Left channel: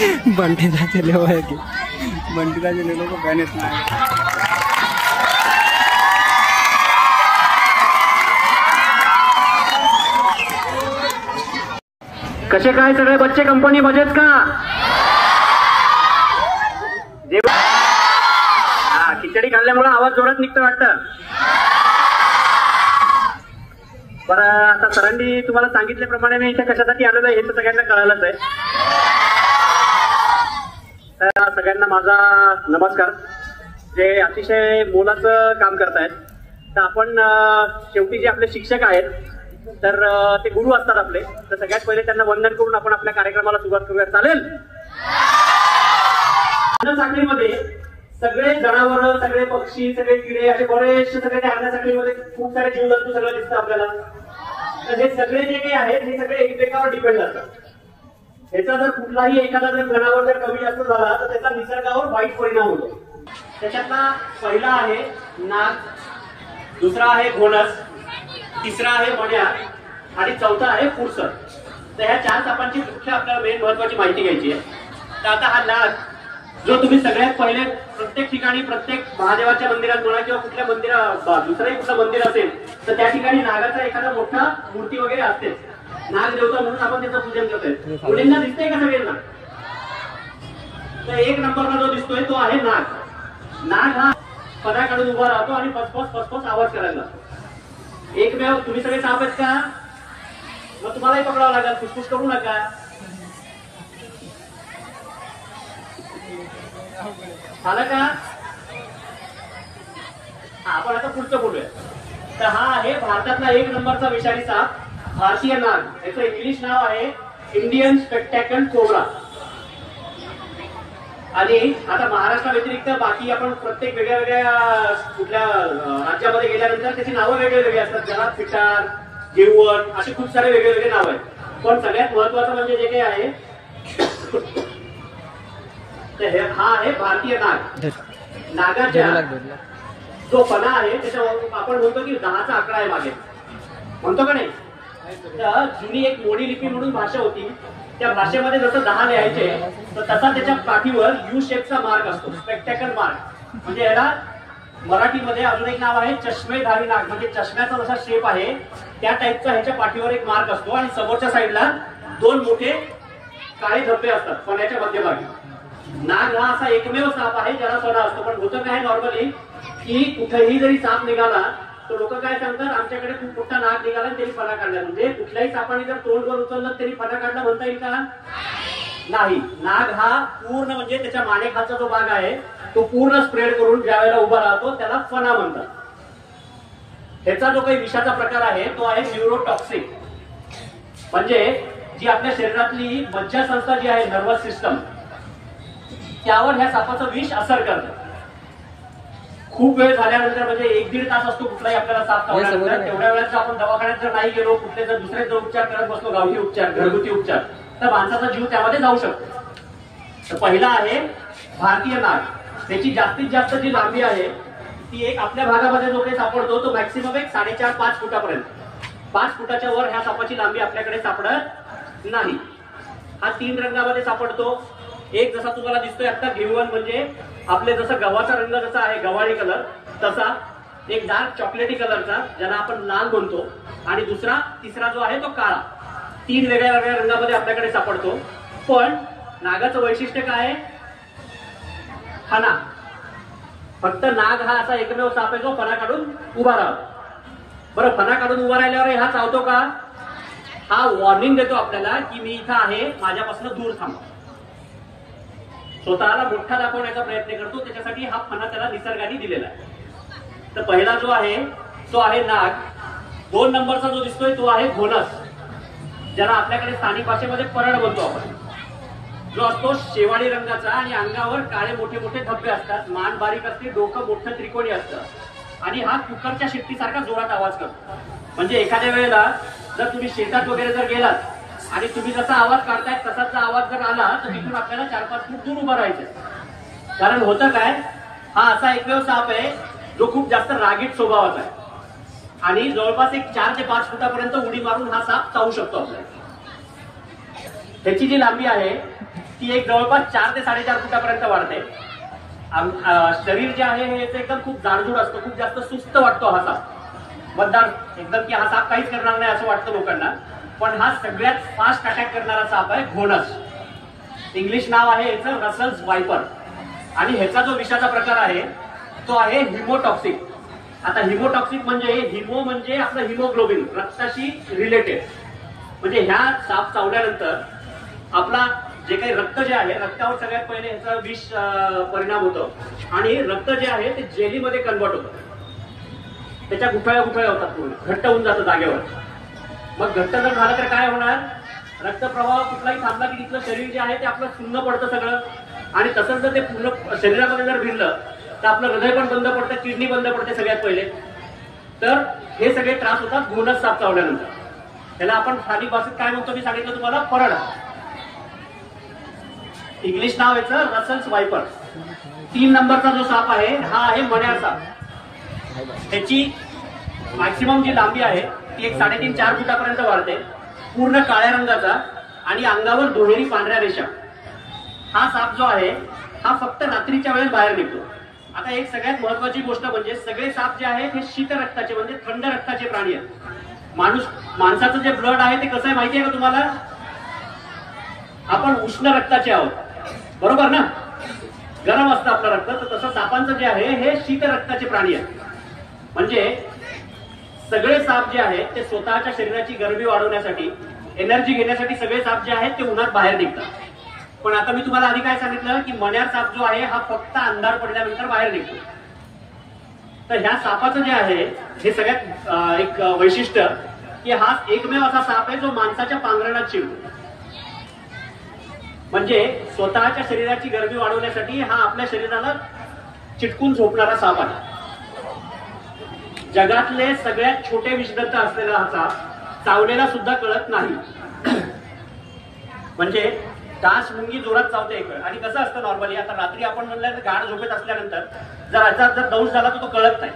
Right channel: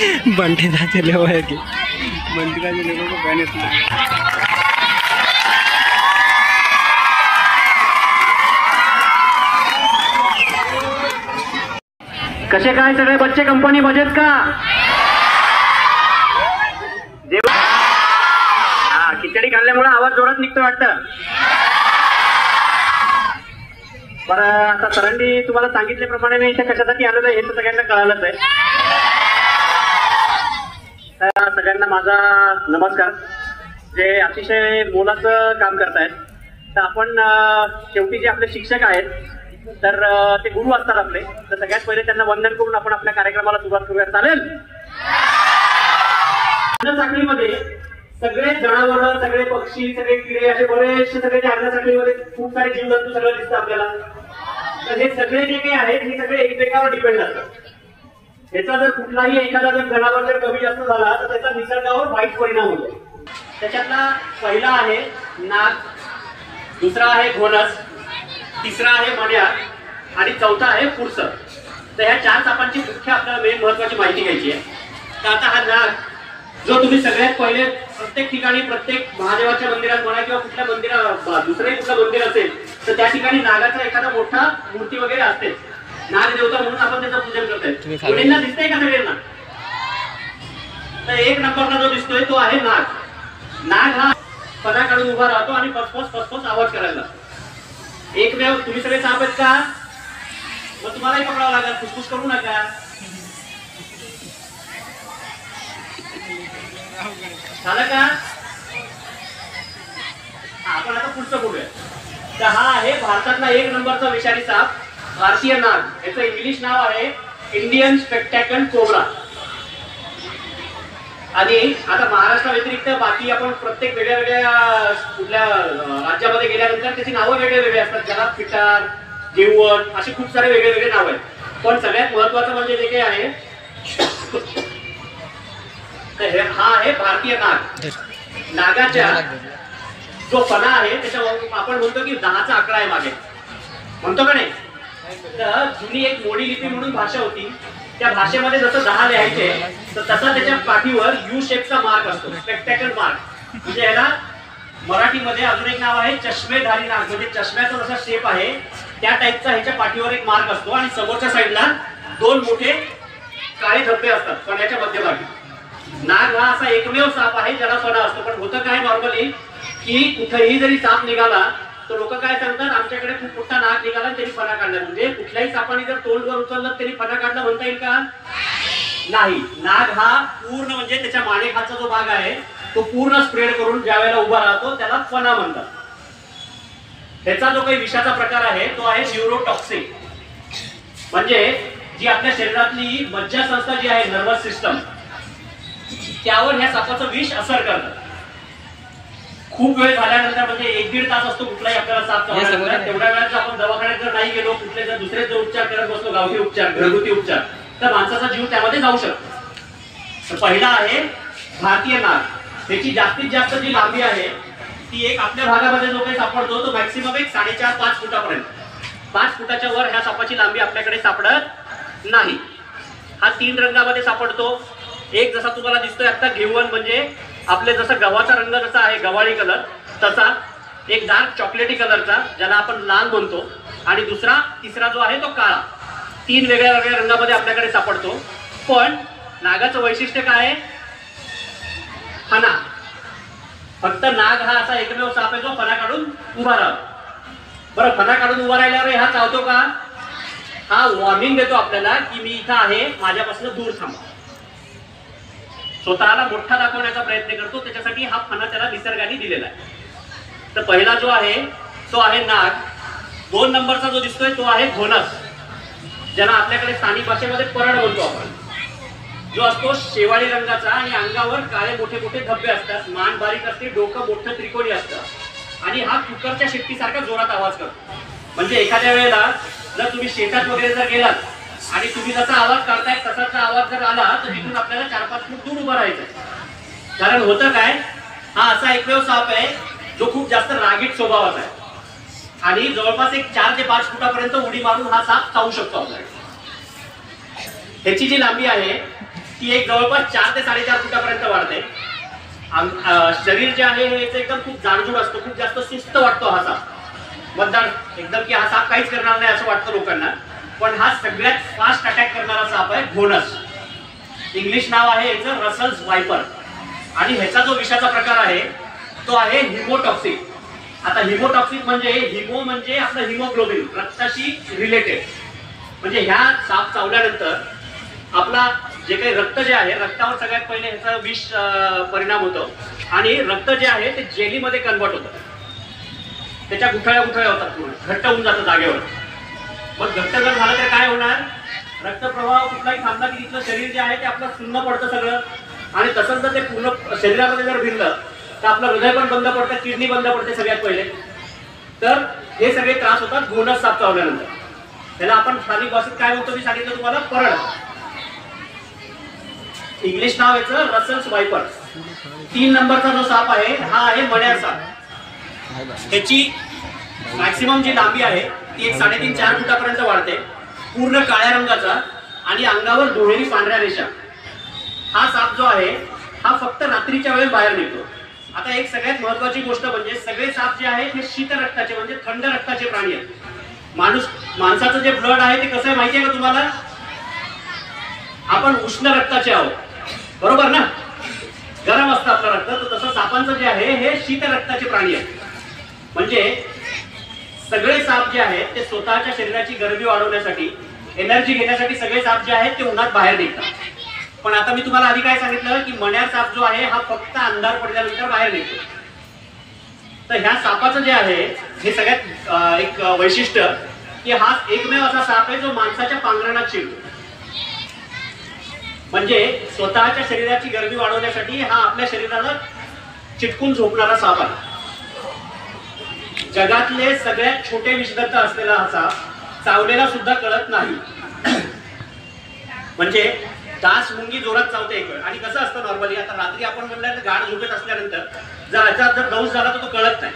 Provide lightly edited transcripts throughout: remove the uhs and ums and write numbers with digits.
बंटी दा चले हुए की बंटी दा चले को बैनेस कसे काय सगळे बच्चे कंपनी मजेत का? खिचडी खाल्ल्यामुळे आवाज जोरात निघतो वाटतं. पण आता सरांनी तुम्हाला सांगितल्याप्रमाणे मी इथे कशासाठी आलेलो आहे हे तर सगळ्यांना कळालंच आहे. तर सगळ्यांना माझा नमस्कार. जे अतिशय मोलाचं काम करतायत तर आपण शेवटी जे आपले शिक्षक आहेत तर ते गुरु असतात आपले. तर सगळ्यात पहिले त्यांना वंदन करून आपण आपल्या कार्यक्रमाला सुरुवात करूया. चालेल? साखळीमध्ये सगळे जनावर, सगळे पक्षी, सगळे किडे असे बरेचसे सगळे त्या साखळीमध्ये खूप सारे जीवजंतू सगळं दिसतं आपल्याला. तर हे सगळे जे काही आहेत हे सगळे एकमेकावर डिपेंड असतात. ह्याचा जर कुठलाही एखादा जनावर जर कमी जास्त झाला तर त्याचा निसर्गावर वाईट परिणाम होतो. त्याच्यातला पहिला आहे नाग, दुसरा आहे घोणस, तिसरा आहे मण्यार आणि चौथा आहे पुरसर. तर ह्या चार सापांची मुख्य आपल्याला मेन महत्वाची माहिती घ्यायची आहे. तर आता हा नाग जो तुम्ही सगळ्यात पहिले प्रत्येक ठिकाणी प्रत्येक महादेवाच्या मंदिरात म्हणा किंवा कुठल्या मंदिरात दुसरंही कुठलं मंदिर असेल तर त्या ठिकाणी नागाचा एखादा मोठा मूर्ती वगैरे असते. नाग देवता म्हणून आपण त्याचं पूजन करतोय. मुलींना दिसतंय का सगळ्यांना? तर एक नंबरला जो दिसतोय तो आहे नाग. नाग हा पदा काढून उभा राहतो आणि फसफस फसफस आवाज करायला लागतो. एकमेव तुम्ही सगळे साप आहेत का? मग तुम्हालाही पकडावं लागेल. फुसफुस करू नका. झालं का? आपण आता पुढचं बोलूया. तर हा आहे भारतातला एक नंबरचा विषारी साप भारतीय नाग. याचं इंग्लिश नाव आहे इंडियन स्पेक्टॅकल कोब्रा. आणि आता महाराष्ट्रा व्यतिरिक्त बाकी आपण प्रत्येक वेगळ्या वेगळ्या कुठल्या राज्यामध्ये गेल्यानंतर त्याची नावं वेगळे वेगळे असतात. ज्याला पिटार, जेवण असे खूप सारे वेगळे वेगळे नाव आहेत. पण सगळ्यात महत्वाचं म्हणजे जे काही आहे हा आहे भारतीय नाग. नागाच्या जो फणा आहे त्याच्या आपण म्हणतो की 10चा आकडा आहे मागे, म्हणतो का नाही? तर जुनी एक मोडी लिपी म्हणून भाषा होती. त्या भाषेमध्ये जसं 10 लिहायचे तर तसा त्याच्या पाठीवर यू शेपचा मार्क असतो, स्पेक्टॅकल मार्क. म्हणजे याला मराठीमध्ये अजून एक नाव आहे चष्मेधारी नाग. म्हणजे चष्म्याचा जसा शेप आहे त्या टाईपचा ह्याच्या पाठीवर एक मार्क असतो आणि समोरच्या साईडला 2 मोठे काळे धब्बे असतात फण्याच्या मध्यभागी. नाग हा असा एकमेव साप आहे ज्याला फणा असतो. पण होतं काय नॉर्मली की कुठेही जरी साप निघाला तर लोक काय सांगतात आमच्याकडे खूप मोठा नाग निघाला आणि त्यांनी फणा काढला. म्हणजे कुठल्याही सापाने जर तोंड वर उचललं तरी फणा काढला म्हणता येईल का? नाही. नाग हा पूर्ण म्हणजे त्याच्या मानेखालचा जो भाग आहे तो पूर्ण स्प्रेड करून ज्या वेळेला उभा राहतो त्याला फणा म्हणतात. त्याचा जो काही विषाचा प्रकार आहे तो आहे न्यूरोटॉक्सिक. म्हणजे जी आपल्या शरीरातली मज्जासंस्था जी आहे नर्वस सिस्टम त्यावर ह्या सापाचं विष असर करतं. खूप वेळ झाल्यानंतर म्हणजे 1-1.5 तास असतो कुठलाही आपल्याला साप चावल्यानंतर. तेवढ्या वेळात आपण दवाखान्यात जर नाही गेलो, कुठले जर दुसरे जर उपचार करत बसलो, गावठी उपचार, घरगुती उपचार, तर माणसाचा जीव त्यामध्ये जाऊ शकतो. तर पहिला आहे भारतीय नाग. त्याची जास्तीत जास्त जी लांबी आहे ती एक आपल्या भागामध्ये जो काही सापडतो तो मॅक्सिमम एक 4.5-5 फुटापर्यंत. 5 फुटाच्या वर ह्या सापाची लांबी आपल्याकडे सापडत नाही. हा 3 रंगामध्ये सापडतो. एक जसा तुम्हाला दिसतोय आता घेऊन म्हणजे आपले जसं गव्हाचा रंग जसा आहे गव्हाळी कलर तसा, एक डार्क चॉकलेटी कलरचा ज्याला आपण लाल म्हणतो, आणि तिसरा जो आहे तो काळा. 3 वेगळ्या वेगळ्या रंगामध्ये आपल्याकडे सापडतो. पण नागाचं वैशिष्ट्य काय आहे? फणा. फक्त नाग हा असा एकमेव साप आहे जो फणा काढून उभा राहतो. बरं, फणा काढून उभा राहिल्यावर हा चावतो का? हा वॉर्निंग देतो आपल्याला की मी इथं आहे, माझ्यापासून दूर थांबा. स्वतःला मोठा दाखवण्याचा प्रयत्न करतो. त्याच्यासाठी हा फणा त्याला निसर्गाने दिलेला आहे. तर पहिला जो आहे तो आहे नाग. 2 नंबरचा जो दिसतोय तो आहे घोणस, ज्याला आपल्याकडे स्थानिक भाषेमध्ये परड म्हणतो आपण. जो असतो शेवाळी रंगाचा आणि अंगावर काळे मोठे मोठे धब्बे असतात. मान बारीक असते, डोकं मोठं त्रिकोणी असतं आणि हा कुकरच्या शिट्टीसारखा जोरात आवाज करतो. म्हणजे एखाद्या वेळेला जर तुम्ही शेतात वगैरे जर गेलात आणि तुम्ही जसा आवाज काढताय तसाचा आवाज जर आला तर तिथून आपल्याला 4-5 फूट दूर उभं राहायचं. कारण होतं काय, हा असा एकमेव साप आहे जो खूप जास्त रागीट स्वभावाचा आहे आणि जवळपास एक 4 ते 5 फुटापर्यंत उडी मारून हा साप चावू शकतो आपल्याला. त्याची जी लांबी आहे ती एक जवळपास 4 ते 4.5 फुटापर्यंत वाढते. शरीर जे आहे हे एकदम खूप जाडजूड असतं, खूप जास्त सुस्त वाटतो हा साप. मतदार एकदम की हा साप काहीच करणार नाही असं वाटतं लोकांना, पण हा सगळ्यात फास्ट अटॅक करणारा साप आहे घोणस. इंग्लिश नाव आहे याचं रसल्स वायपर. आणि ह्याचा जो विषाचा प्रकार आहे तो आहे हिमोटॉक्सिक. आता हिमोटॉक्सिक म्हणजे हिमो म्हणजे आपलं हिमोग्लोबिन, रक्ताशी रिलेटेड. म्हणजे ह्या साप चावल्यानंतर आपला जे काही रक्त जे आहे रक्तावर सगळ्यात पहिले ह्याचा विष परिणाम होतो आणि रक्त जे आहे ते जेलीमध्ये कन्वर्ट होतं. त्याच्या गुठळ्या होतात, पूर्ण घट्ट होऊन जातं जागेवर. मग घट्ट जर झालं तर काय होणार, रक्तप्रवाह कुठलाही थांबला की तिथलं शरीर जे आहे ते आपलं सुन्न पडतं सगळं. आणि तसंच जर ते पूर्ण शरीरामध्ये जर भिनलं तर आपलं हृदय पण बंद पडतं, किडनी बंद पडते सगळ्यात पहिले. तर हे सगळे त्रास होतात घोणस साप चावल्यानंतर. त्याला आपण स्थानिक भाषेत काय म्हणतो मी सांगितलं तुम्हाला, परड. इंग्लिश नाव याचं रसल्स वायपर. 3 नंबरचा जो साप आहे हा आहे मण्यार साप. त्याची मॅक्सिमम जी लांबी आहे ती एक 3.5-4 फुटापर्यंत वाढते, पूर्ण काळ्या रंगाचा आणि अंगावर दुहेरी पांढऱ्या रेषा. हा साप जो आहे हा फक्त रात्रीच्या वेळेस बाहेर निघतो. आता एक सगळ्यात महत्वाची गोष्ट म्हणजे सगळे साप जे आहेत हे शीत रक्ताचे म्हणजे थंड रक्ताचे प्राणी आहेत. माणसाचं जे ब्लड आहे ते कसं आहे माहिती आहे का तुम्हाला, आपण उष्ण रक्ताचे आहोत, बरोबर ना, गरम असतं आपलं रक्त. तर तसं सापांचं जे आहे हे शीत रक्ताचे प्राणी आहेत. म्हणजे सगळे साप जे आहेत ते स्वतःच्या शरीराची गरमी वाढवण्यासाठी, एनर्जी घेण्यासाठी सगळे साप जे आहेत ते उन्हात बाहेर निघतात. पण आता मी तुम्हाला आधी काय सांगितलं की मण्यार साप जो आहे हा फक्त अंधार पडल्यानंतर बाहेर निघतो. तर ह्या सापाचं जे आहे हे सगळ्यात एक वैशिष्ट्य की हा एकमेव असा साप आहे जो माणसाच्या पांघरणात शिरतो. म्हणजे स्वतःच्या शरीराची गरमी वाढवण्यासाठी हा आपल्या शरीराला चिटकून झोपणारा साप आहे. जगातले सगळ्यात छोटे विषदत्त असलेला हा साप चावलेला सुद्धा कळत नाही. म्हणजे डास मुंगी जोरात चावते एक वेळ. आणि कसं असतं नॉर्मली, आता रात्री आपण म्हणलं तर गाढ झोपेत असल्यानंतर जर अचानक जर दौस झाला तर तो कळत नाही.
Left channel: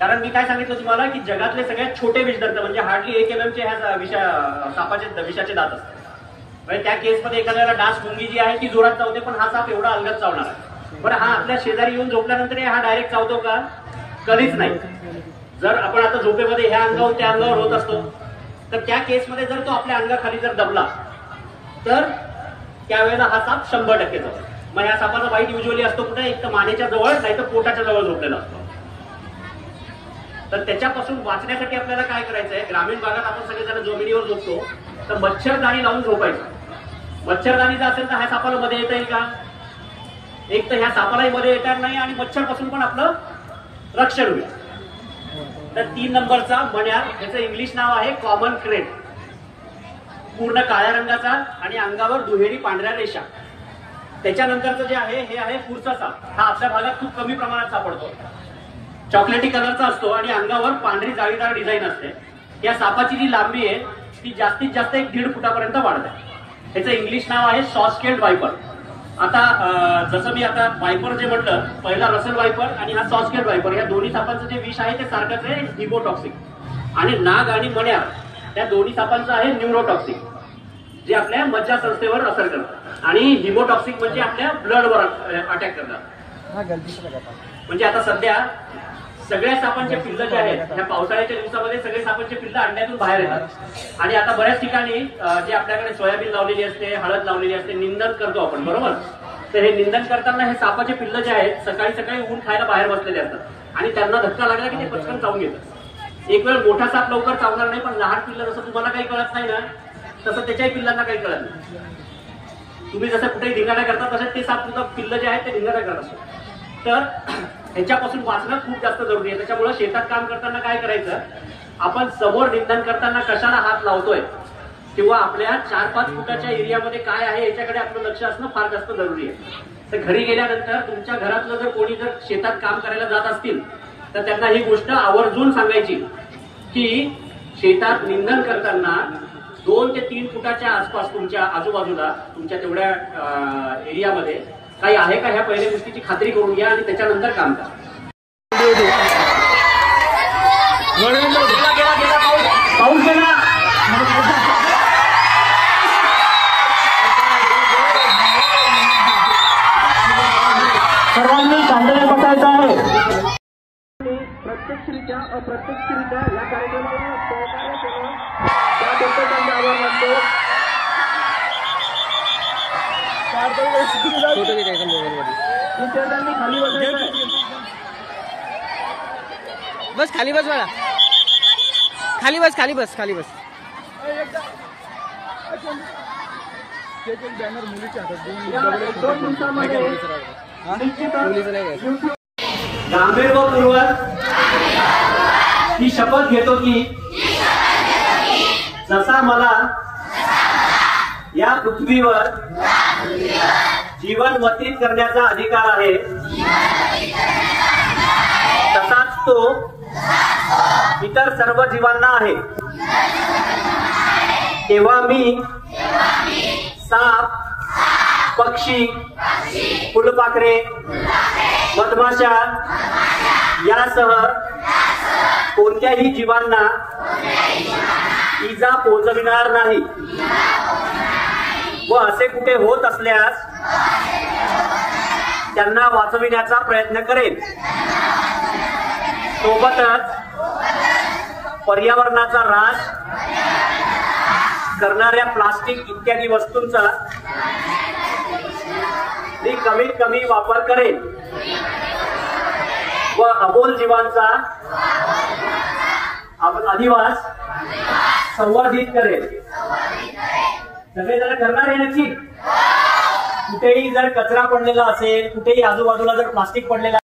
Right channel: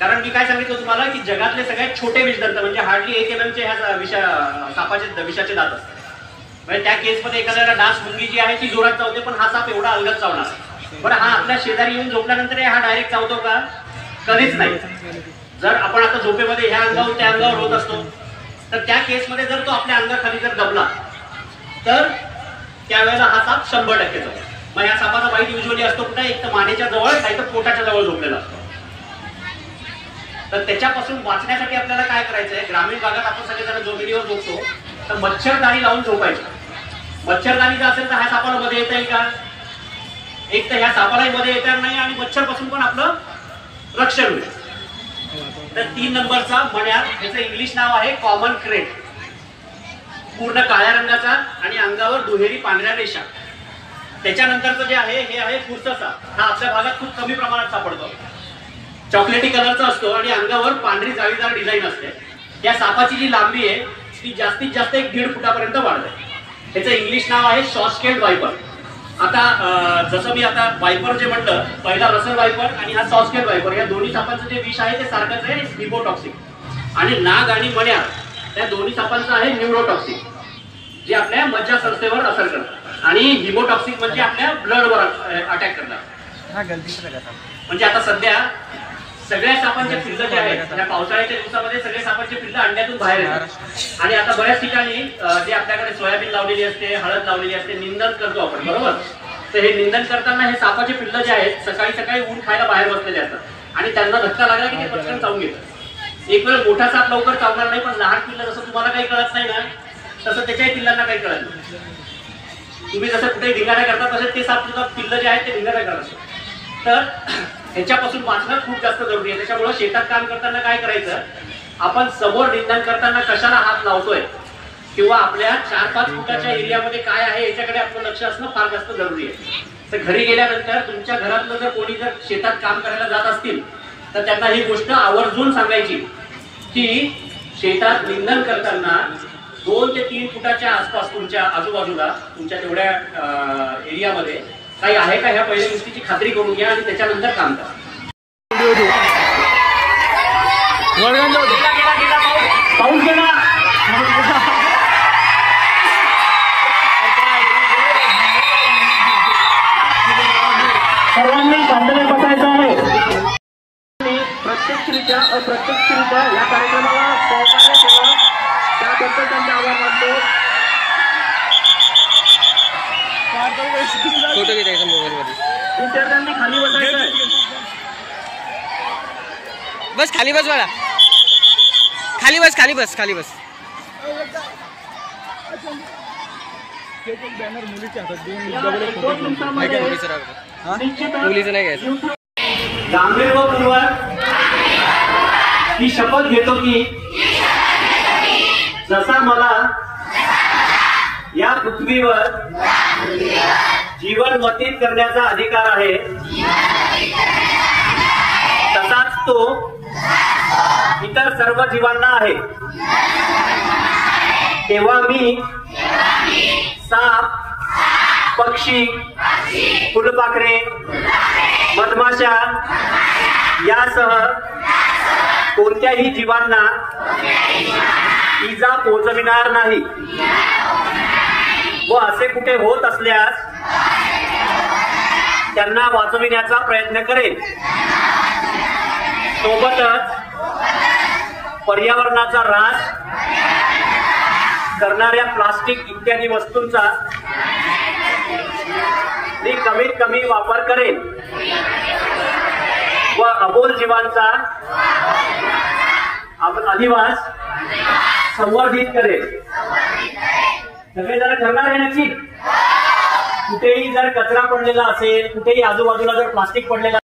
कारण मी काय सांगितलं तुम्हाला की जगातले सगळ्यात छोटे विषदंत म्हणजे हार्डली 1 mm चे ह्या सापाचे विषाचे दात असतात. म्हणजे त्या केसमध्ये एखाद्याला डास मुंगी जी आहे ती जोरात चावते, पण हा साप एवढा अलगद चावणार आहे. पण हा आपल्या शेजारी येऊन झोपल्यानंतर हा डायरेक्ट चावतो का, कधीच नाही. जर आपण आता झोपेमध्ये ह्या अंगावर त्या अंगावर होत असतो तर त्या केसमध्ये जर तो आपल्या अंगाखाली जर दबला तर त्यावेळेला हा साप 100% जातो. मग या सापाचा बाईट युजली असतो कुठे, एक तर मानेच्या जवळ नाही तर पोटाच्या जवळ झोपलेला असतो. तर त्याच्यापासून वाचण्यासाठी आपल्याला काय करायचंय, ग्रामीण भागात आपण सगळेजण जमिनीवर झोपतो तर मच्छरदाणी लावून झोपायची. मच्छरदाणी जर असेल तर ह्या सापाला मध्ये येता येईल का, एक तर ह्या सापालाही मध्ये येणार नाही आणि मच्छर पासून पण आपलं रक्षण होईल. तर 3 नंबरचा मण्यार, याचं इंग्लिश नाव आहे कॉमन क्रेट. पूर्ण काळ्या रंगाचा आणि अंगावर दुहेरी पांढऱ्या रेषा. त्याच्यानंतरचं जे आहे हे आहे फुरसा साप. हा आपल्या भागात खूप कमी प्रमाणात सापडतो. चॉकलेटी कलरचा असतो आणि अंगावर पांढरी जाळीदार डिझाईन असते. या सापाची जी लांबी आहे ती जास्तीत जास्त 1.5 फुटापर्यंत वाढते. त्याचं इंग्लिश नाव आहे सॉस्केल्ड वायपर. आता जसं मी आता वायपर जे म्हटलं, पहिला रसल वायपर आणि हा सॉस्केल्ड वायपर, या दोन्ही सापांचं जे विष आहे ते सारखंच आहे, हिमोटॉक्सिक. आणि नाग आणि मण्यार त्या दोन्ही सापांचं आहे न्यूरोटॉक्सिक, जे आपल्या मज्जा संस्थेवर असर करतात. आणि हिमोटॉक्सिक म्हणजे आपल्या ब्लडवर अटॅक करतात. म्हणजे आता सध्या सगळ्या सापांचे पिल्लं जे आहेत या पावसाळ्याच्या दिवसामध्ये सगळे सापांचे पिल्लं अंड्यातून बाहेर येतात. आणि आता बऱ्याच ठिकाणी जे आपल्याकडे सोयाबीन लावलेली असते, हळद लावलेली असते, निंदन करतो आपण, बरोबर. तर हे निंदन करताना हे सापाचे पिल्लं जे आहेत सकाळी सकाळी ऊन खायला बाहेर बसलेले असतात आणि त्यांना धक्का लागला की ते पटकन चावून घेतात. एक वेळ मोठा साप लवकर चावणार नाही, पण लहान पिल्लं जसं तुम्हाला काही कळत नाही ना तसं त्याच्याही पिल्लांना काही कळत नाही. तुम्ही जसं कुठेही धिंगाणा करता तसं ते साप सुद्धा पिल्लं जे आहेत ते धिंगाणा करत असतात. तर ह्याच्यापासून वाचणं खूप जास्त जरुरी आहे. त्याच्यामुळे शेतात काम करताना काय करायचं, आपण समोर निंदन करताना कशाला हात लावतोय किंवा आपल्या 4-5 फुटाच्या एरियामध्ये काय आहे याच्याकडे आपलं लक्ष असणं फार जास्त जरुरी आहे. तर घरी गेल्यानंतर तुमच्या घरातलं जर कोणी जर शेतात काम करायला जात असतील तर त्यांना ही गोष्ट आवर्जून सांगायची की शेतात निंदन करताना 2 ते 3 फुटाच्या आसपास तुमच्या आजूबाजूला तुमच्या तेवढ्या एरियामध्ये काही आहे का ह्या पहिल्या गोष्टीची खात्री करून घ्या आणि त्याच्यानंतर काम करा. पाऊस गेला विद्यार्थ्यांनी खाली बसायचं. बस खाली बस बाळा, खाली बस खाली बस खाली बस. मुलीचं नाही घ्यायचं. गांभीर्यपूर्वक ही शपथ घेतो की जसा मला या पृथ्वीवर जीवन व्यतीत करण्याचा अधिकार आहे, तसाच तो इतर सर्व जीवांना आहे. तेव्हा मी साप, पक्षी, फुलपाखरे, मधमाशा यासह कोणत्याही जीवांना इजा पोहोचविणार नाही व असे कुठे होत असल्यास त्यांना वाचविण्याचा प्रयत्न करेन. सोबतच पर्यावरणाचा ऱ्हास करणाऱ्या प्लास्टिक इत्यादी वस्तूंचा मी कमीत कमी वापर करेन व अबोल जीवांचा अधिवास संवर्धित करेन. सगळेजण करणार आहे नक्की. कुठेही जर कचरा पडलेला असेल, कुठेही आजूबाजूला जर प्लास्टिक पडलेला